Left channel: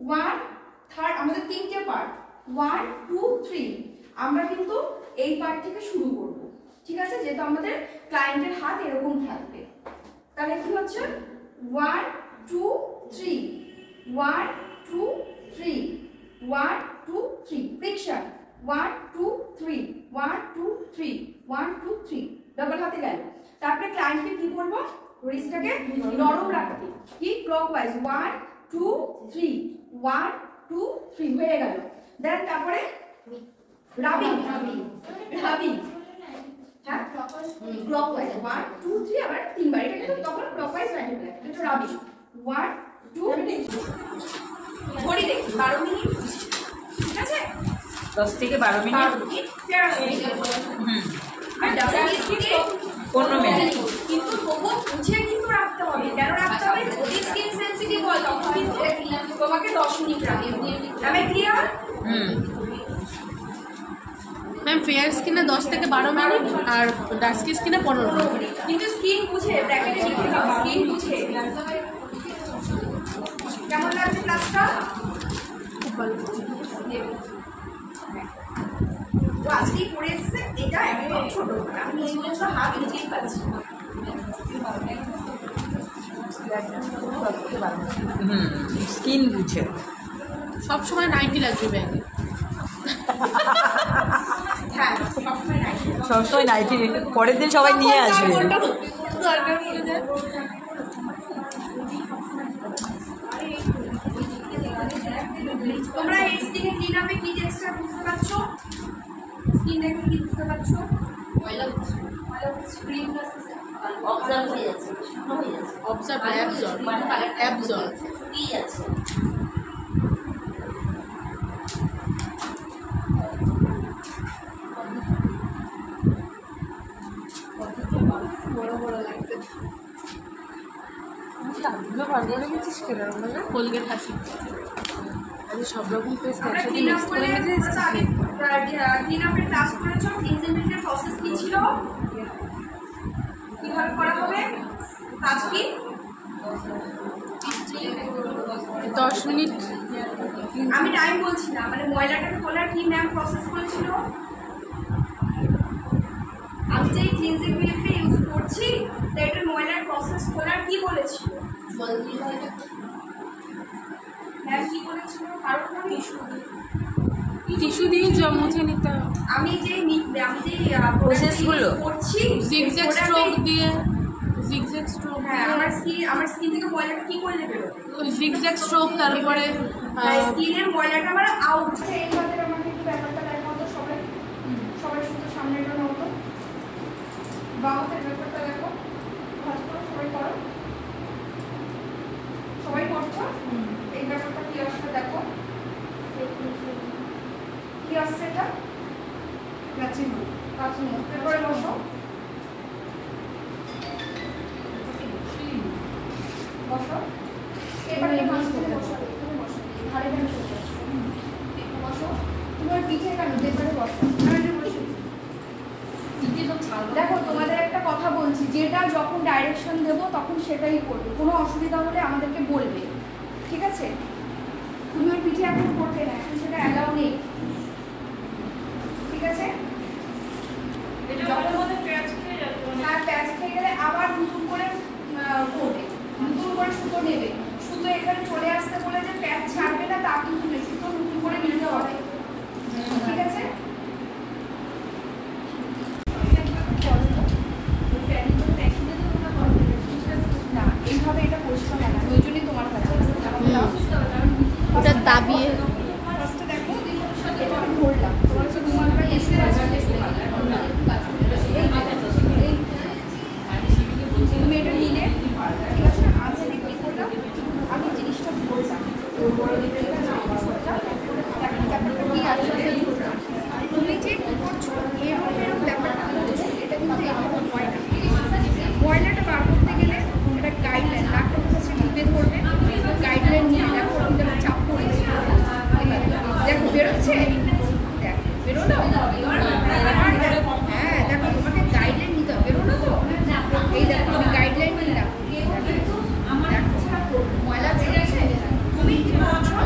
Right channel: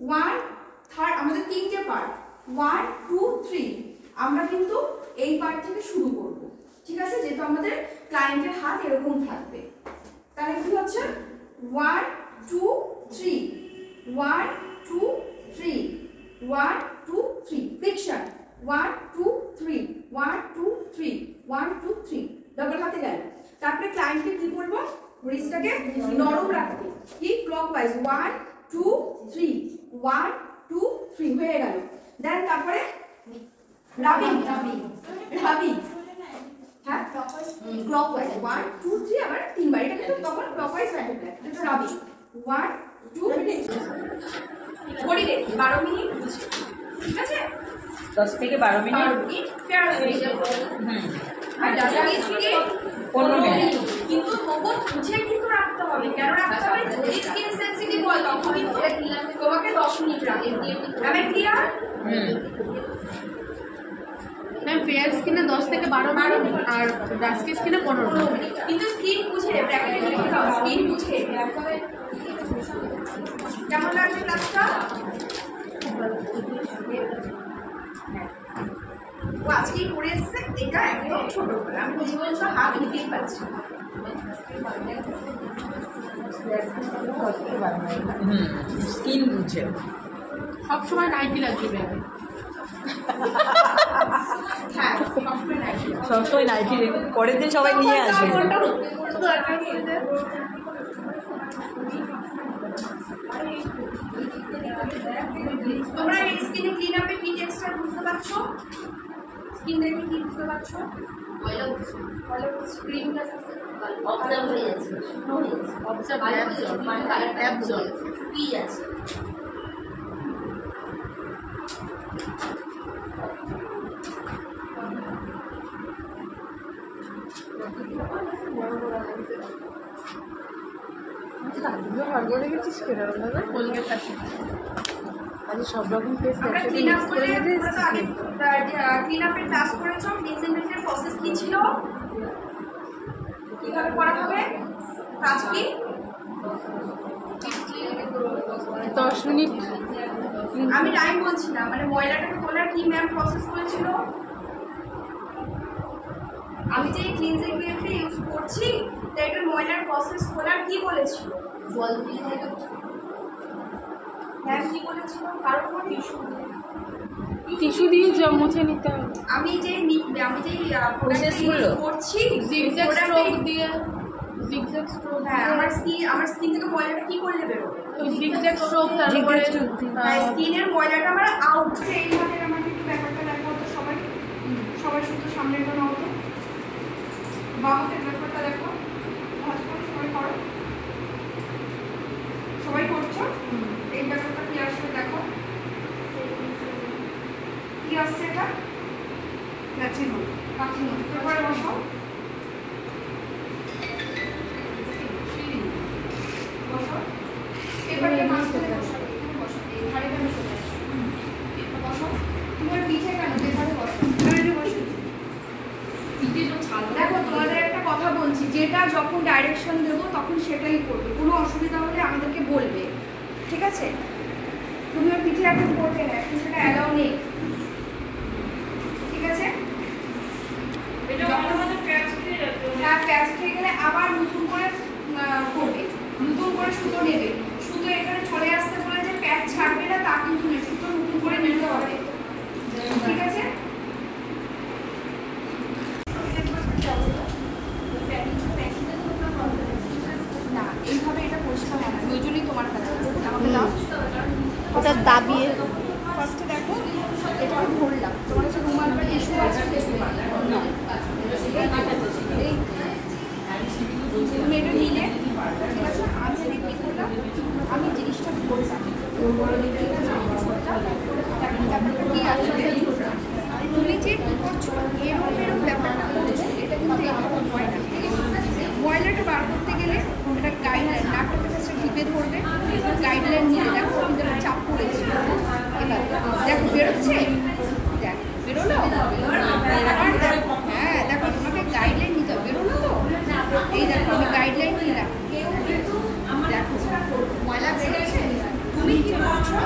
1 third আমাদের তিনটে part 1 2 3 আমরা কিন্তু এই পার্ট থেকে শুরু করব ঠিক আছে যেহেতু আমাদের ক্লায়েন্টের হাত এরকম থাকবে তাহলে কি হচ্ছে 1 2 3 1 2 3 1 2 3 ফ্রিকশন 1 2 3 1 2 3 1 2 3 ডাবল হাতে গেল তারপরে ক্লায়েন্টকে কি করব রিস্টটাকে নরম রাখতে ঠিক ক্লকওয়াইজ 1 2 3 1 2 3 হয়ে গেল দেন তারপরে রাবিং হ্যাঁ ক্লকওয়াইজ 1 2 3 আবার তিনবার এটা কিন্তু তখন ক্লকওয়াইজ রাখতে হবে এটা তো রাবিং 1 2 ঘড়ি দেখি 12 মিনিট ঠিক আছে 10 থেকে 12 মিনিট আর ডাস্টিস থেকে 15 মিনিট কিন্তু তবুও বুঝে কিন্তু রাখতে হবে কেন রাখতে হবে যদি স্কিন সেনসিটিভ হয় তখন কিন্তু তোমাকে 10 মিনিট রাখতে হবে আমি ক্লিয়ার ম্যাম ফেয়ার স্কিনে 10 থেকে 12 মিনিট আর ডাস্কি স্কিনে 15 মিনিট কিন্তু স্কিন বুঝে ব্র্যাকেটে লিখে দাও স্কিন বুঝে কেমন লাগছে ক্লাসটা ও আজকেই পড়ে এসছে এটা একদম ছোট করে আমি কিছু বলছো হাত নিচেই পাচ্ছি স্কিন বুঝে সব সময় 90 লাগবে ব্যাগে হ্যাঁ সবসময় নাইটি সবসময় নাইটি পরের দিন সবাই নিয়ে আসবে তোমরা এই স্কিনে ক্লিন আপে কি টেক্সচার বুঝতে পারছো স্কিন দেখে কি বুঝতে পারছো ময়লা ক্রিম প্লাস অবজার্ভ হয়ে যাচ্ছে শুকনো হয়ে যাচ্ছে অবজার্ভ মানে কালারটা অ্যাবজর্ব শুকিয়ে যাচ্ছে দাঁতগুলো বার করে গেছিস কেরকম ভাবে কোলগেট হাসি আজ সব রকম পেস্ট আমরা একসাথে ক্লিন আপ মিক্স করে করে গেছিস ক্লিন আপের ক্লাস করেছো ক্লিনজিং মিল্কের প্রসেস কি ছিল কিভাবে করা হবে কাজ কি 10 মিনিট আমি টাইম বলছি না মানে ময়লাটাকে তোলার কি ম্যাম প্রসেস করেছিল আমি যে ক্লিনজিং মিল্কটা ইউজ করছি তো এটার ময়লার প্রসেস খোলার কি বলেছিল জল দিয়ে ম্যাম কি বলেছিল কারণ মানে টিস্যু দিয়ে মুছে নিতে হবে আমি যে প্রসেস ইউজ করছি জিগজ্যাগ স্ট্রোক দিয়ে জিগজ্যাগ স্ট্রোক হ্যাঁ আমার স্কিন থেকে ময়লাটা কি করলে বেরোবে ওই জিগজ্যাগ স্ট্রোক তারপরে স্কিনের ময়লাটা আমার আউট এইভাবে আমাকে একটু ব্যাপারটা দেখো তো সবাই শুধু সামনেটা নাও তো বাহুতের ব্যাপারটা দেখো ভাজ করে সবাই করো সবাই করছো এই ব্যাপারটা কি আসবে দেখো কি আসছে এটা কাছে তারপরে বসো বসো এবারে মাঝখানে বসাবে এখানে বসো এই ধারে ধারে চলে আসো বসো তোমার পিঠে কেন যেখানে বসো আমি বসে দেখো তোমাদের একটা কথা বলছি যেটা যখন ডাইরেকশন দেবো তখন সেটাই করবে কোনো অসুবিধা হলে আমাদেরকে বলবে ঠিক আছে তুমি ওর পিঠে এখন করবে না এখন সেটা অ্যালাউ নেই ঠিক আছে হ্যাঁ প্যাচ খেয়ে গেলে আবার নতুন করে করবে নতুন করে সুতো নেবে সুতো এখানে চলে আসতে বলে যে প্যাচ ছাড়বে না তা কিন্তু সুতো নতুন করে নিতে হবে ঠিক আছে না এইভাবে এটা পরিষ্কার হয় না ওই জন্যই তোমার কাছে আমাকে দাও ওটা দাবিয়ে ফার্স্টে দেখো এটাকে ধরলাম তোমার কাছে রুমাল বা টিস্যু আছে না তুমি এটা নিলে ঠিক আছে আমি আগে কী করলাম আমি জিনিসটা ধরলাম ঠিক আছে ব্যাপারটা কি আসলে তুমি যে কী করছো এরকম ব্যাপারটা করছো এটা কিন্তু এরকম হয় না ময়লাটা বার করতে গেলে এটা গাইডলাইন নাকটাকে ফার্স্টে টিপে ধরবে গাইডলাইন নিয়ে দেখো কিন্তু একটা চাপ পড়েছে এবার দেখো বেরোচ্ছে দেখ বেরোলো আবার দেখো হ্যাঁ দেখো তোমাকে গাইডলাইন নিতে হবে বেরোলো তো এই দেখো আমি গাইডলাইন নিলাম দেখো ময়লা বেরোচ্ছে তুমি কি করছো